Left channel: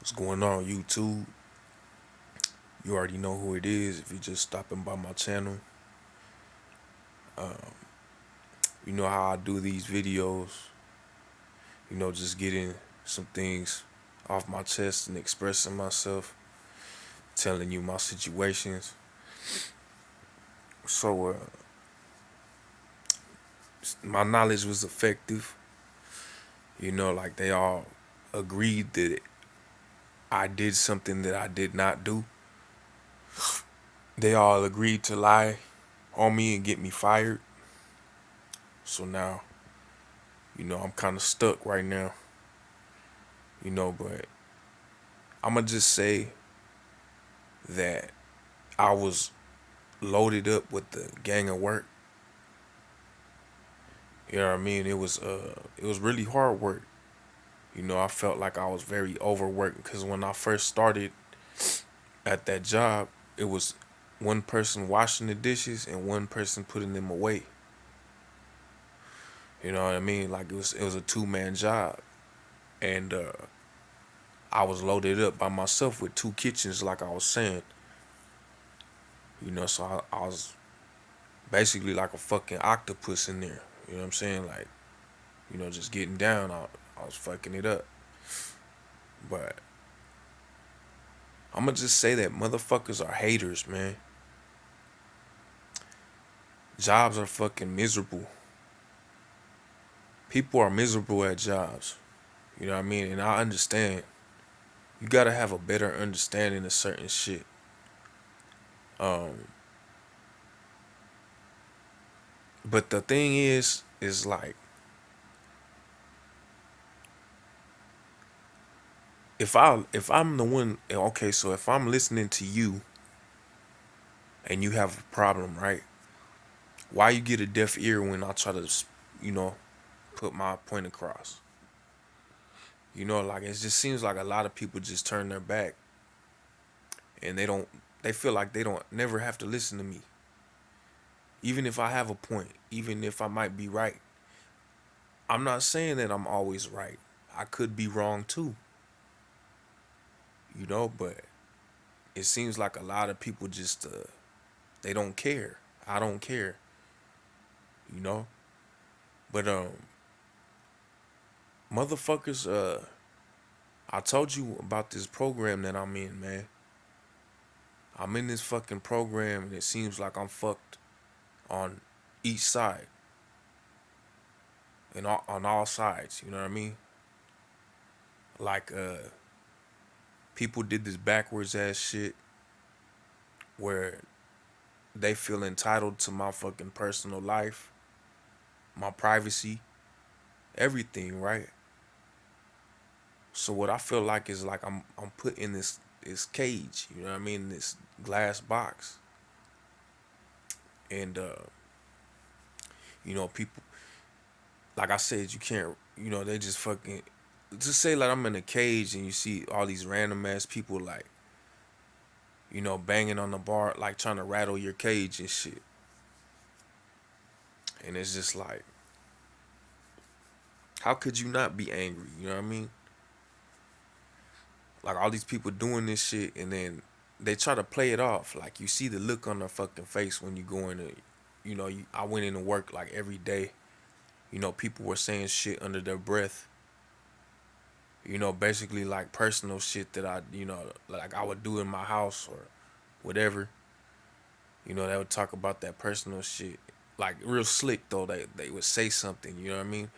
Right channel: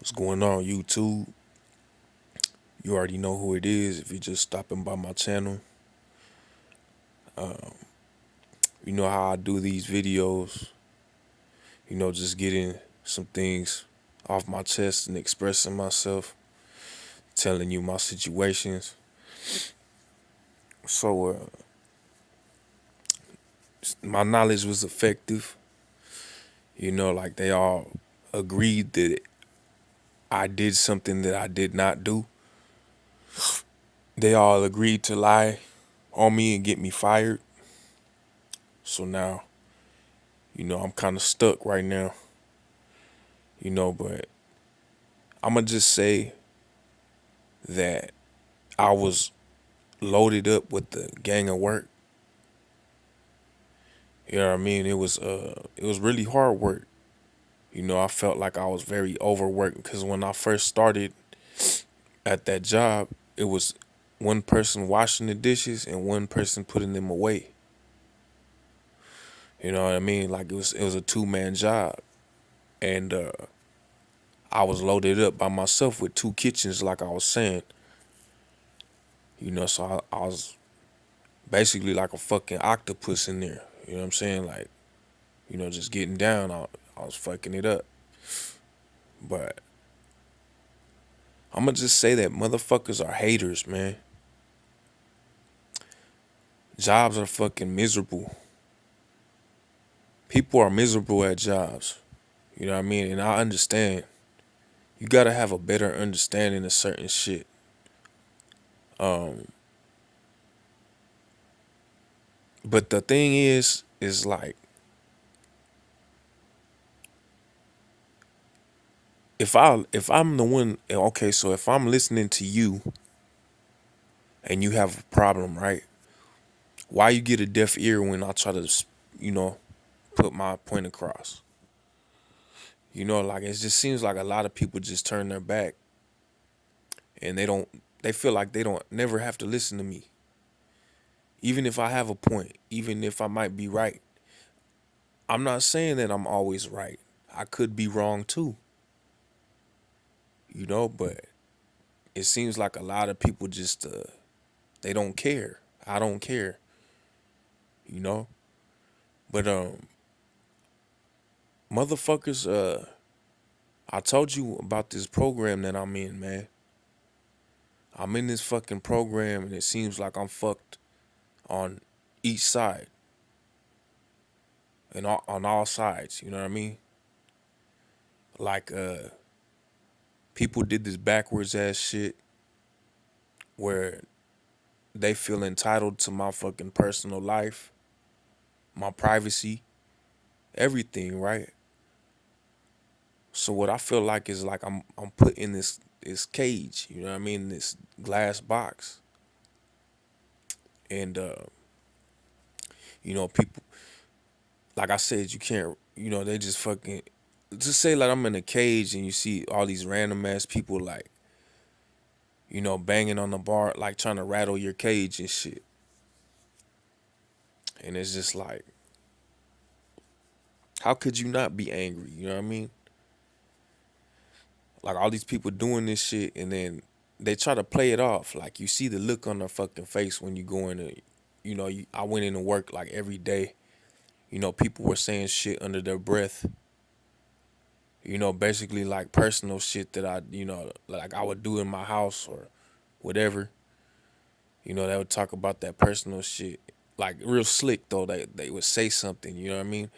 What's going on, YouTube? You already know who it is if you're just stopping by my channel. You know how I do these videos, just getting some things off my chest and expressing myself, telling you my situations. So, my knowledge was effective. Like they all agreed that I did something that I did not do. They all agreed to lie on me and get me fired. So now, I'm kind of stuck right now, but I'm going to just say that I was loaded up with the gang of work. You know what I mean? It was really hard work. I felt like I was very overworked because when I first started at that job, it was one person washing the dishes and one person putting them away. You know what I mean? Like it was a two-man job, and I was loaded up by myself with two kitchens, like I was saying. So I was basically like a fucking octopus in there. You know what I'm saying? Like, just getting down. I was fucking it up. But I'm gonna just say that motherfuckers are haters, man. Jobs are fucking miserable. People are miserable at jobs. You know what I mean? And I understand. You gotta have a better understanding of certain shit. Um, but the thing is like, if I'm the one, okay, so if I'm listening to you and you have a problem, right? Why you get a deaf ear when I try to, you know, put my point across? Like it just seems like a lot of people just turn their back and they feel like they don't never have to listen to me. Even if I have a point, even if I might be right. I'm not saying that I'm always right. I could be wrong too, but it seems like a lot of people just they don't care. I don't care, you know? But motherfuckers, I told you about this program that I'm in, man. I'm in this fucking program and it seems like I'm fucked on each side and on all sides, you know what I mean? Like people did this backwards ass shit where they feel entitled to my fucking personal life, my privacy, everything, right? So what I feel like is like I'm put in this cage, you know what I mean, this glass box. And people, like I said, you can't, they just fucking just say like I'm in a cage and you see all these random ass people like, banging on the bar, like trying to rattle your cage and shit. And it's just like, how could you not be angry? You know what I mean? Like all these people doing this shit and then they try to play it off. Like you see the look on their fucking face when you go in and, I went into work like every day. People were saying shit under their breath. Basically like personal shit that like I would do in my house or whatever. They would talk about that personal shit. Like real slick though. They would say something, you know what I mean?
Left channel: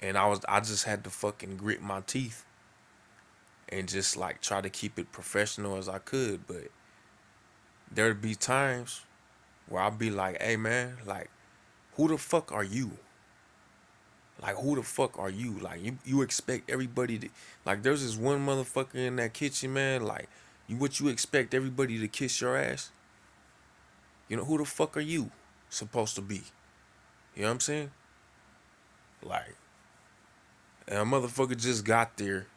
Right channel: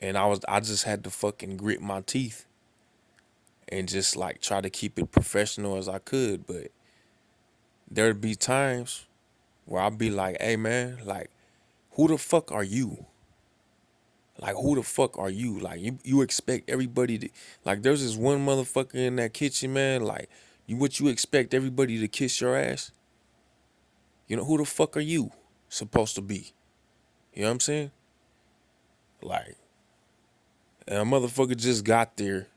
And I just had to fucking grit my teeth and just like try to keep it professional as I could. But there'd be times where I'd be like, hey man, like who the fuck are you? Like who the fuck are you? Like you expect everybody to, like there's this one motherfucker in that kitchen, man, like you expect everybody to kiss your ass? Who the fuck are you supposed to be? You know what I'm saying? Like, and a motherfucker just got there,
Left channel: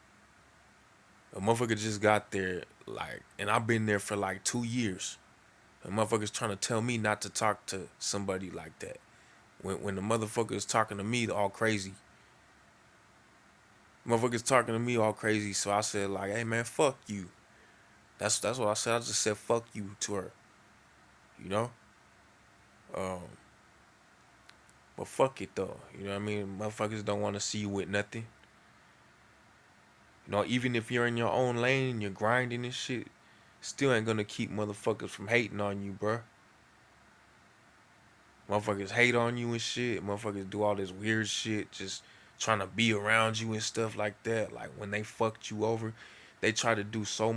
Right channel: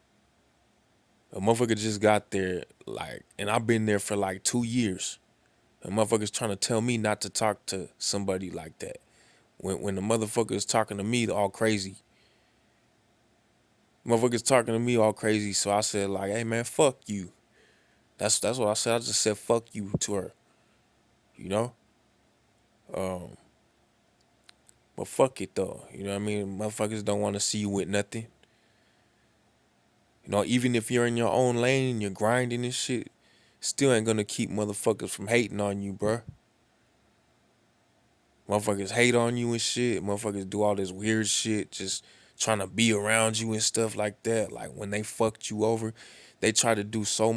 like, and I've been there for like 2 years. A motherfucker's trying to tell me not to talk to somebody like that. When the motherfucker is talking to me all crazy, Motherfuckers talking to me all crazy, so I said like, "Hey man, fuck you." That's what I said. I just said fuck you to her, you know. Um, but fuck it though, you know what I mean. Motherfuckers don't want to see you with nothing. You know, even if you're in your own lane and you're grinding and shit, still ain't gonna keep motherfuckers from hating on you, bruh. Motherfuckers hate on you and shit. Motherfuckers do all this weird shit, just trying to be around you and stuff like that. Like when they fucked you over, they try to do so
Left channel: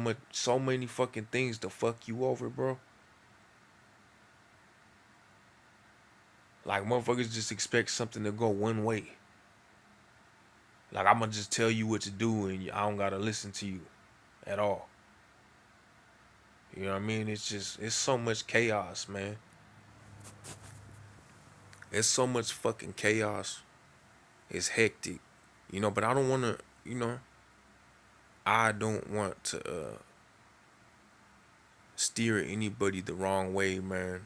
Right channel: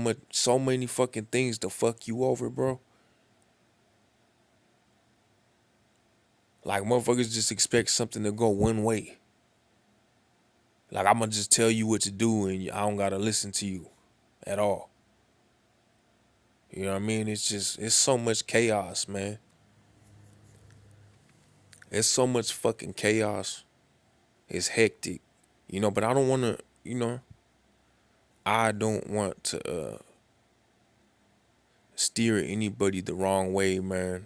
many fucking things to fuck you over, bro. Like motherfuckers just expect something to go one way. Like I'ma just tell you what to do and I don't gotta listen to you at all. You know what I mean? It's so much chaos, man. It's so much fucking chaos. It's hectic. You know, but I don't wanna, I don't want to steer anybody the wrong way, man.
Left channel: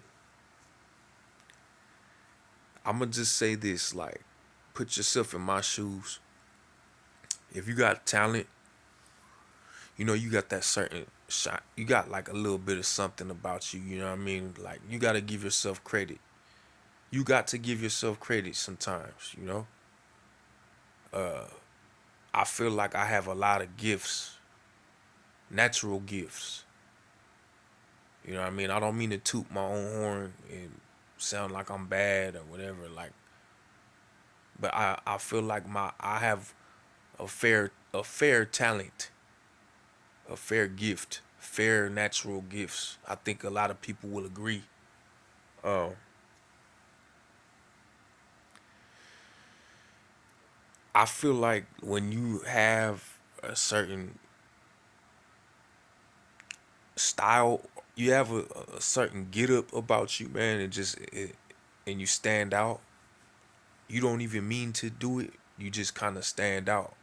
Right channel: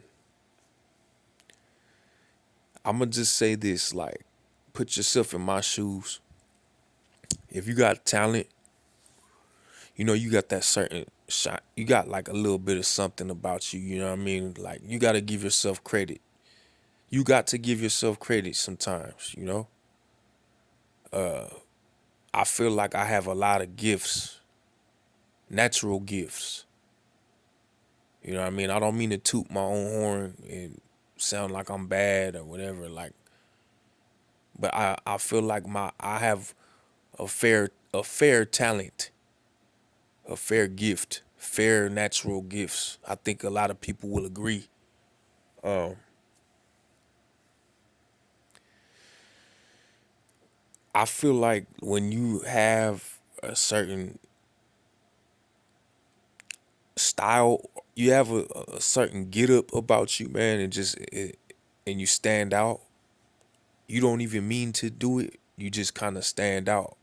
I'ma just say this, like, put yourself in my shoes. If you got talent, you got that certain shot. You got like a little bit of something about you, you know what I mean? Like you gotta give yourself credit. You got to give yourself credit sometimes, you know? I feel like I have a lot of gifts, natural gifts. You know what I mean? I don't mean to toot my own horn and sound like I'm bad or whatever, like, but I feel like I have a fair talent, a fair gift, fair natural gifts. I think a lot of people will agree. Um, I feel like when you have a certain style, you have a certain get up about you, man, and you stand out. You don't even mean to do it. You just kind of stand out.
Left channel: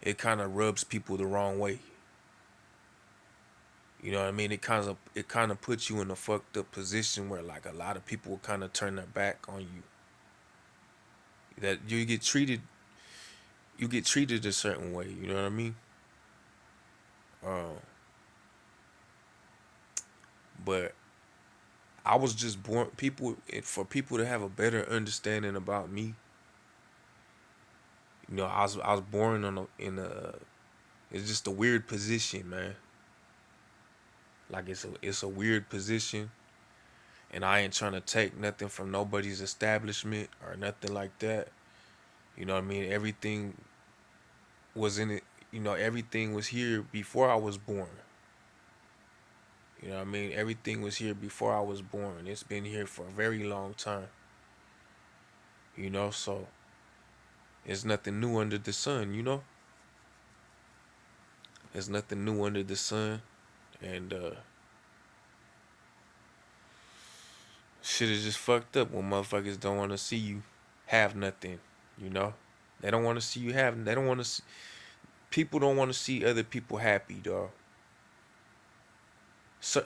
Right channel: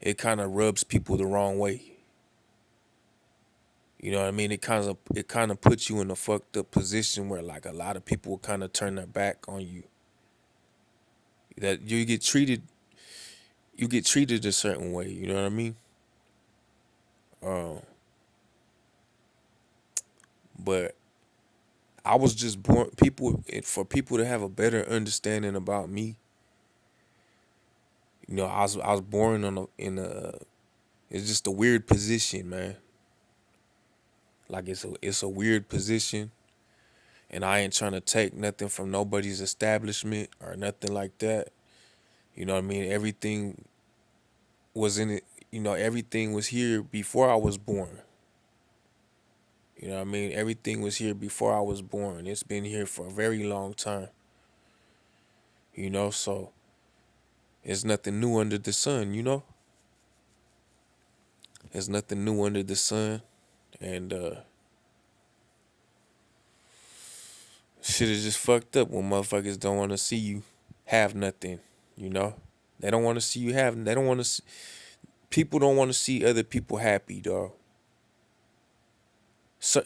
It kind of rubs people the wrong way. You know what I mean? It kind of puts you in a fucked up position where like a lot of people will kind of turn their back on you. That you get treated a certain way. You know what I mean? Uh, but I was just born people for people to have a better understanding about me. I was born in a it's just a weird position, man. Like it's a weird position, and I ain't trying to take nothing from nobody's establishment or nothing like that. You know what I mean? Everything was in it. Everything was here before I was born. You know what I mean? Everything was here before I was born. It's been here for a very long time. So there's nothing new under the sun. There's nothing new under the sun, and shit is just fucked up when motherfuckers don't want to see you have nothing. You know, they don't want to see you have. They don't want to. People don't want to see other people happy, dog.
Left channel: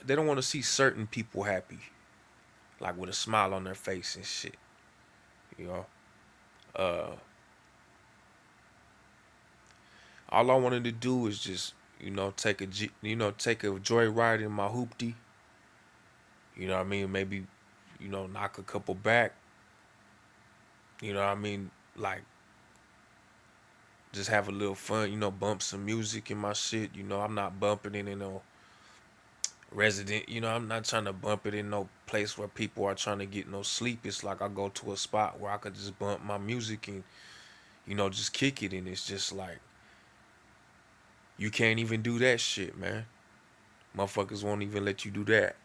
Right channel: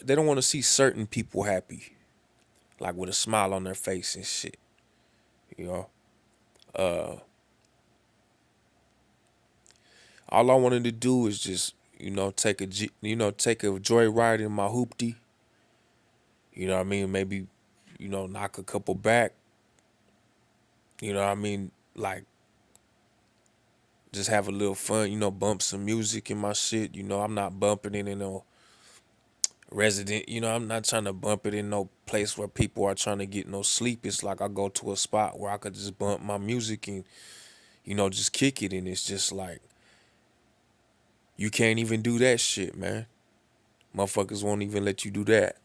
They don't want to see certain people happy, like with a smile on their face and shit. You know, uh, all I wanted to do is just take a joyride in my hoopty. You know what I mean? Maybe knock a couple back. You know what I mean? Like just have a little fun. Bump some music in my shit. I'm not bumping it in no resident. I'm not trying to bump it in no place where people are trying to get no sleep. It's like I go to a spot where I could just bump my music and just kick it, and it's just like you can't even do that shit, man. Motherfuckers won't even let you do that.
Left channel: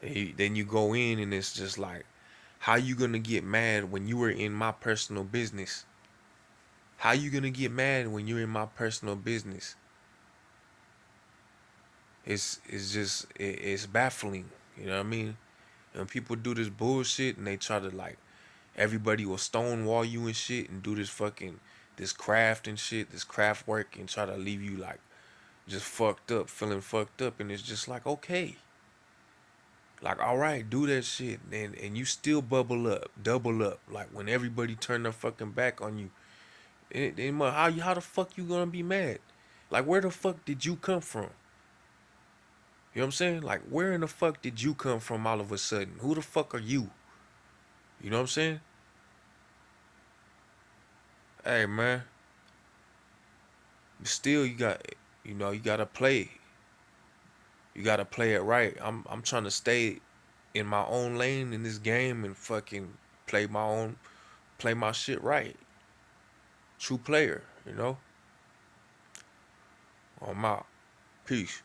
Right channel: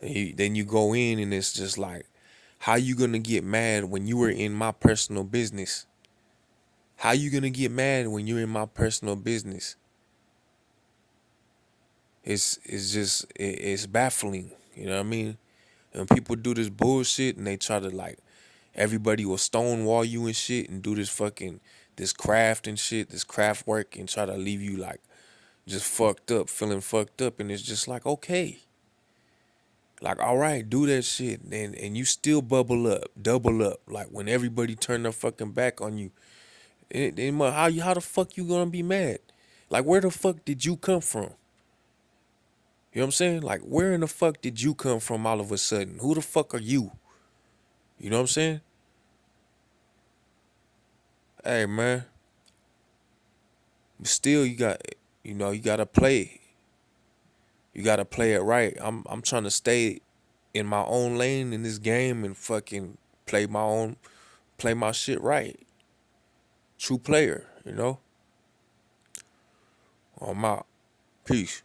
Then you go in and it's just like, how you gonna get mad when you were in my personal business? How you gonna get mad when you're in my personal business? It's baffling. You know what I mean? And people do this bullshit and they try to like everybody will stonewall you and shit and do this craft and shit, this craft work and try to leave you like just fucked up, feeling fucked up, and it's just like okay. Like, all right, do that shit, and you still bubble up, double up. Like when everybody turn their fucking back on you, How the fuck you gonna be mad? Like where the fuck did you come from? You know what I'm saying? Like where in the fuck did you come from all of a sudden? Who the fuck are you? You know what I'm saying? Hey man, but still you gotta play. You gotta play it right. I'm trying to stay in my own lane in this game and fucking play my shit right. True player, you know? On my peace.